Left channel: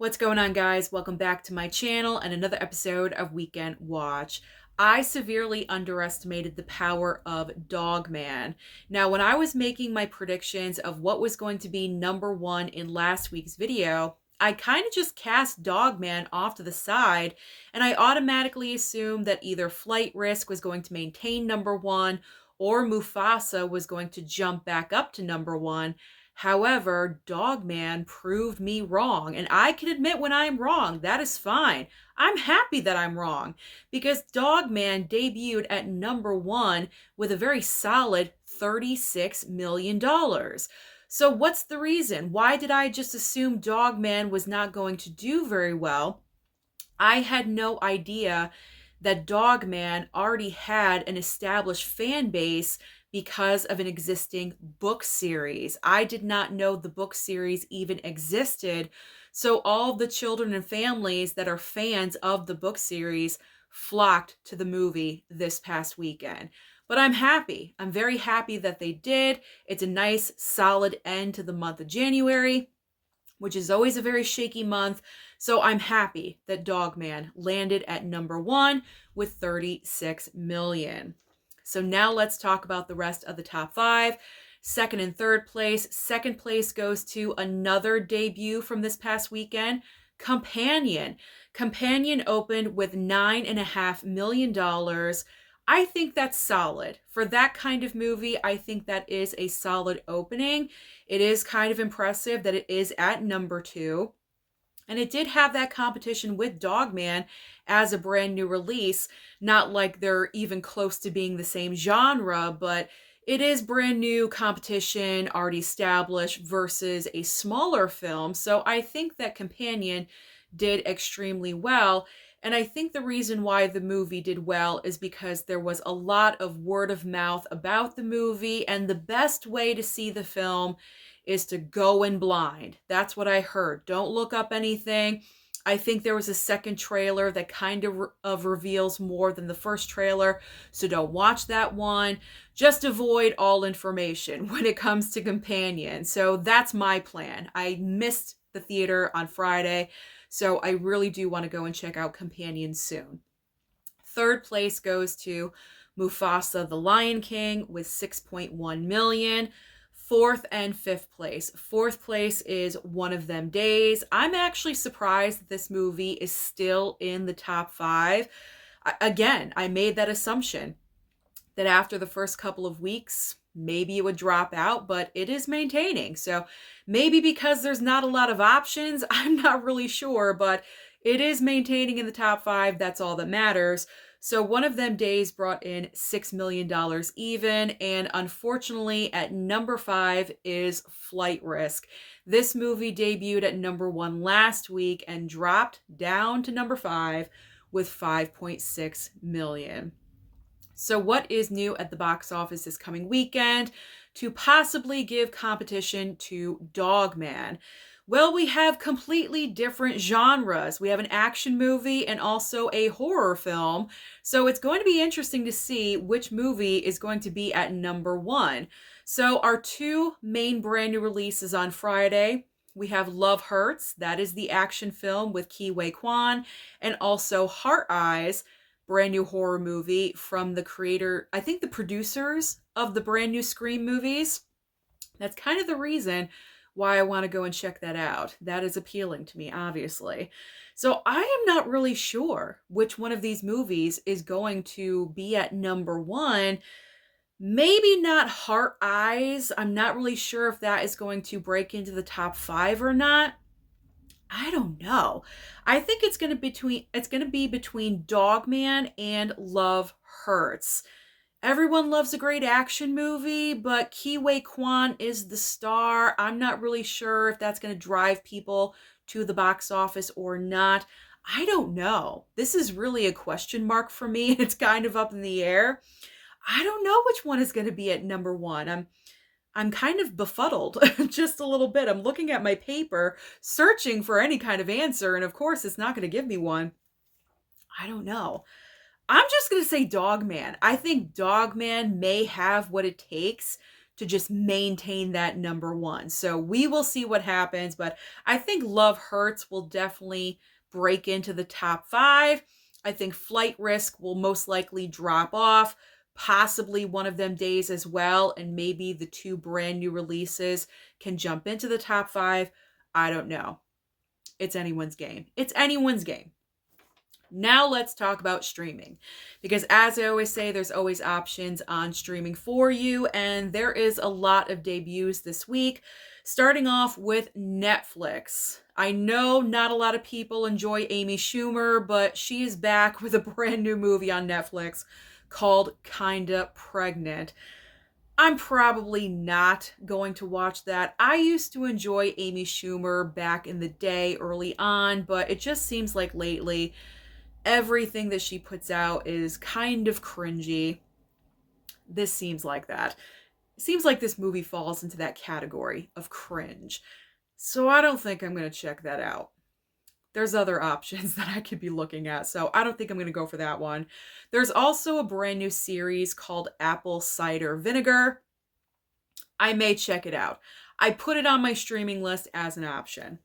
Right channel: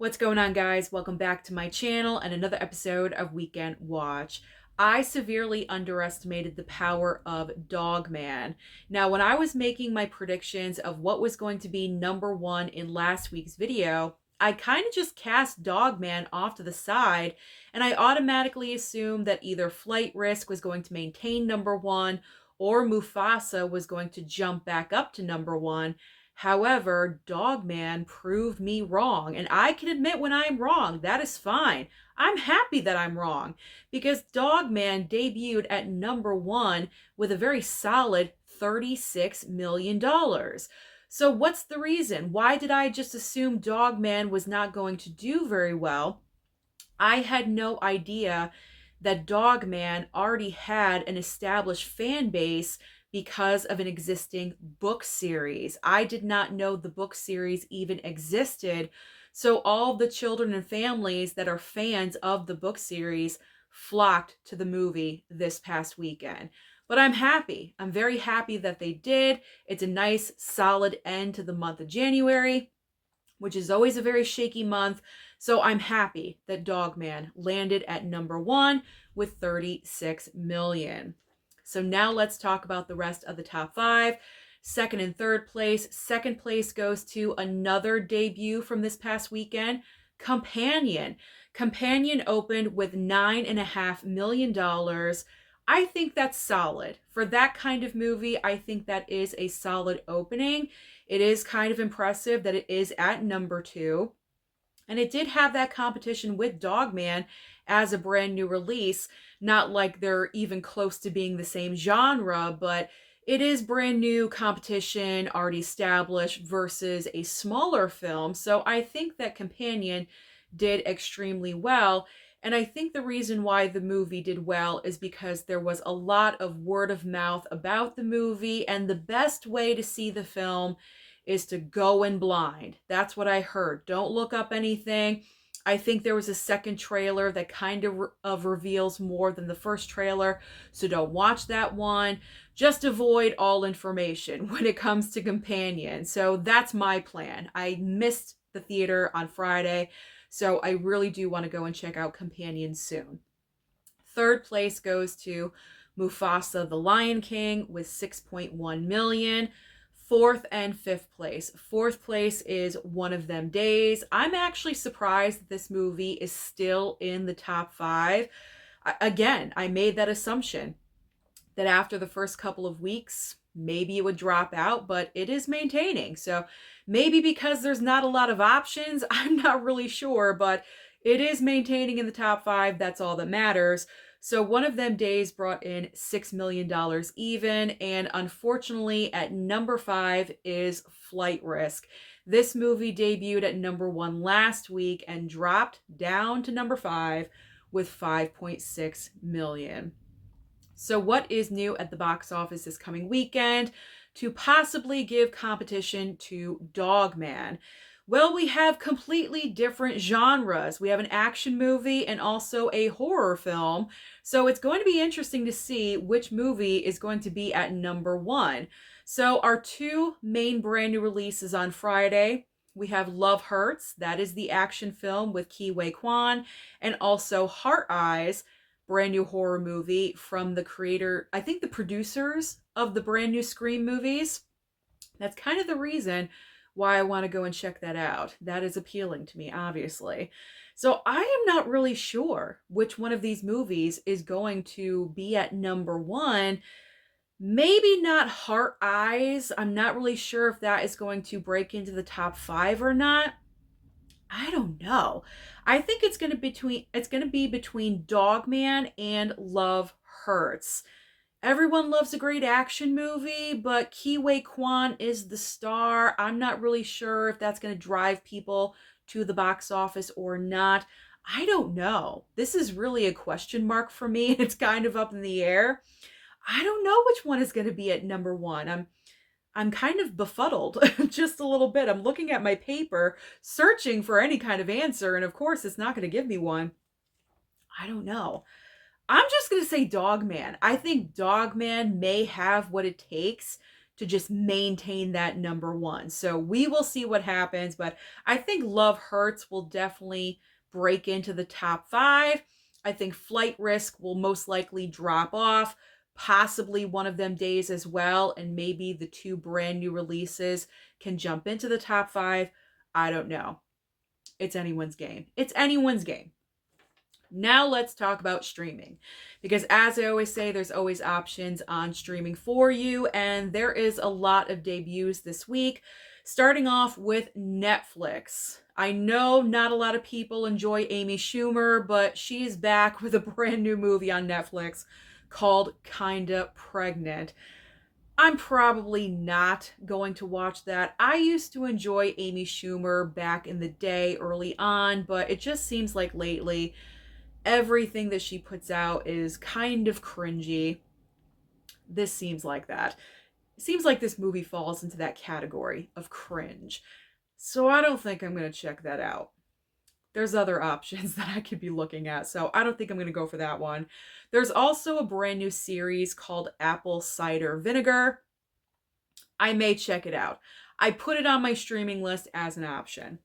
What's going on, guys? Welcome back to my channel and another episode of Weekend Watch. I severely underestimated the power of Dogman. Now, when I was making my predictions of what was going to be number one in last week's video, I kind of just cast Dogman off to the side, and I automatically assumed that either Flight Risk was going to maintain number one or Mufasa was going to jump back up to number one. However, Dogman proved me wrong, and I can admit when I'm wrong. That is fine. I'm happy that I'm wrong because Dogman debuted at number one with a very solid $36 million. So what's the reason? Why did I just assume Dogman was not going to do very well? I had no idea that Dogman already had an established fan base because of an existing book series. I did not know the book series even existed. So all the children and families that are fans of the book series flocked to the movie this past weekend. But I'm happy. I'm very happy that they did. It's a nice, solid end to the month of January, which is always a very shaky month. So I'm happy that Dogman landed at number one with 36 million. So now let's talk about the rest of the top five. Second and third place. Second place goes to another debut from this past weekend, Companion. Companion opened with $9.5 million. I think that's solid. For that kind of movie, I think that is a solid opening. It is kind of impressive that it is at number two. And it did have that competition with Dogman as a brand new release. Not like they're even close to being the same genre, but it is brand new competition, already established, versus a smaller film. So I think that Companion did extremely well. And I think the reason why the movie did well is because there was a lot of word of mouth about the movie, and the best way to see the film is to go in blind. That's what I heard. Don't look up anything. I think there was a second trailer that kind of reveals more than the first trailer, so don't watch that one. Just avoid all information when it comes to Companion. So that's my plan. I missed the theater on Friday, so I really do want to go and check out Companion soon. Third place goes to Mufasa the Lion King with 6.1 million. Fourth and fifth place. Fourth place is One of Them Days. I'm actually surprised that this movie is still in the top five. Again, I made that assumption that after the first couple of weeks, maybe it would drop out, but it is maintaining. So maybe because there's not a lot of options, I'm not really sure, but it is maintaining in the top five. That's all that matters. So One of Them Days brought in $6 million even, and unfortunately at number five is Flight Risk. This movie debuted at number one last week and dropped down to number five with 5.6 million. So what is new at the box office this coming weekend to possibly give competition to Dogman? Well, we have completely different genres. We have an action movie and also a horror film. So it's going to be interesting to see which movie is going to be at number one. So our two main brand new releases on Friday, we have Love Hurts. That is the action film with Ke Huy Quan, and also Heart Eyes, brand new horror movie from the creator, I think the producers of the brand new Scream movies. That's kind of the reason why I want to go and check that out. That is appealing to me, obviously. So I am not really sure which one of these movies is going to be at number one. Maybe not Heart Eyes. I'm not really sure if that is going to break into the top five or not. I don't know. I think it's going to be between Dogman and Love Hurts. Everyone loves a great action movie, but Ke Huy Quan is the star. I'm not really sure if that's going to drive people to the box office or not. I don't know. This is really a question mark for me. It's kind of up in the air. I don't know which one is going to be at number one. I'm kind of befuddled just a little bit. I'm looking at my paper, searching for any kind of answer, and of course it's not going to give me one. I don't know. I'm just going to say Dogman. I think Dogman may have what it takes to just maintain that number one. So we will see what happens, but I think Love Hurts will definitely break into the top 5. I think Flight Risk will most likely drop off, possibly one of them days as well, and maybe the 2 brand new releases can jump into the top 5. I don't know. It's anyone's game. It's anyone's game. Now let's talk about streaming, because as I always say, there's always options on streaming for you, and there is a lot of debuts this week, starting off with Netflix. I know not a lot of people enjoy Amy Schumer, but she is back with a brand new movie on Netflix called Kinda Pregnant. I'm probably not going to watch that. I used to enjoy Amy Schumer back in the day, early on, but it just seems like lately everything that she puts out is kind of cringy. This seems like that. It seems like this movie falls into that category of cringe. So I don't think I'm going to check that out. There's other options that I could be looking at, so I don't think I'm going to go for that one. There's also a brand new series called Apple Cider Vinegar. I may check it out. I put it on my streaming list as an option.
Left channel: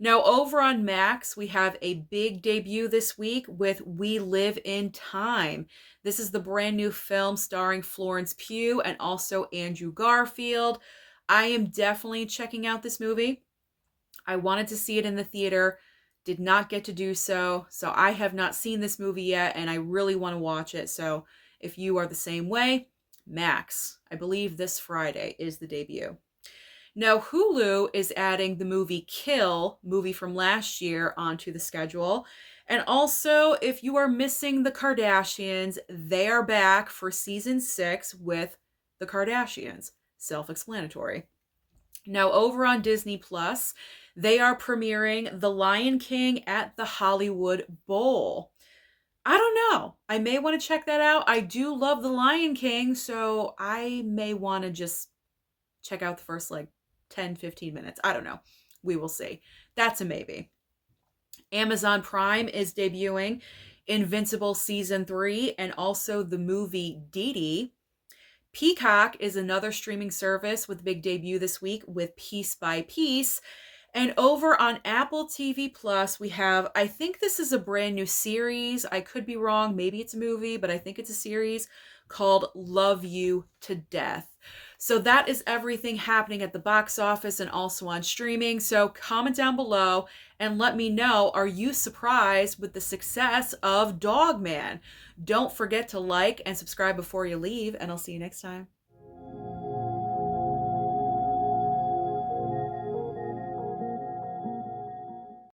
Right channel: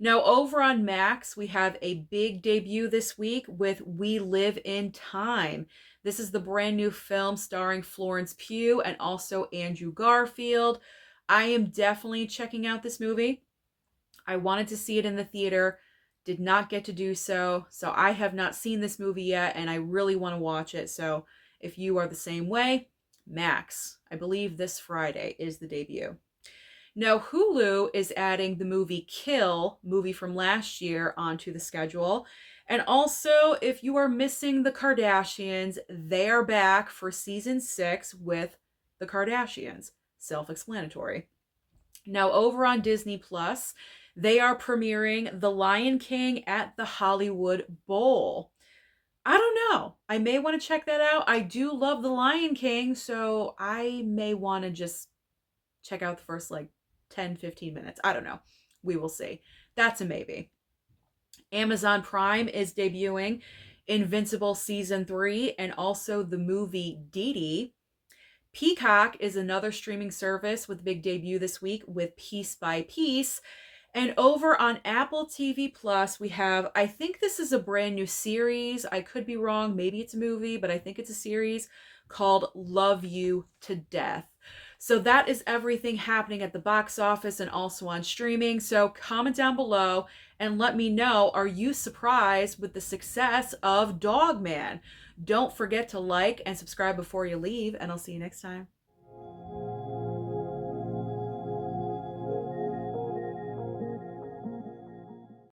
Now, over on Max, we have a big debut this week with We Live in Time. This is the brand new film starring Florence Pugh and also Andrew Garfield. I am definitely checking out this movie. I wanted to see it in the theater, did not get to do so, so I have not seen this movie yet, and I really want to watch it. So if you are the same way, Max, I believe this Friday is the debut. Now, Hulu is adding the movie Kill, movie from last year, onto the schedule. And also, if you are missing the Kardashians, they are back for season 6 with the Kardashians. Self-explanatory. Now, over on Disney Plus, they are premiering The Lion King at the Hollywood Bowl. I don't know. I may want to check that out. I do love The Lion King, so I may want to just check out the first 10-15 minutes. I don't know. We will see. That's a maybe. Amazon Prime is debuting Invincible Season 3 and also the movie Dee Dee. Peacock is another streaming service with a big debut this week with Piece by Piece. And over on Apple TV Plus, we have, I think this is a brand new series. I could be wrong. Maybe it's a movie, but I think it's a series called Love You to Death. So that is everything happening at the box office and also on streaming. So comment down below and let me know, are you surprised with the success of Dogman? Don't forget to like and subscribe before you leave, and I'll see you next time.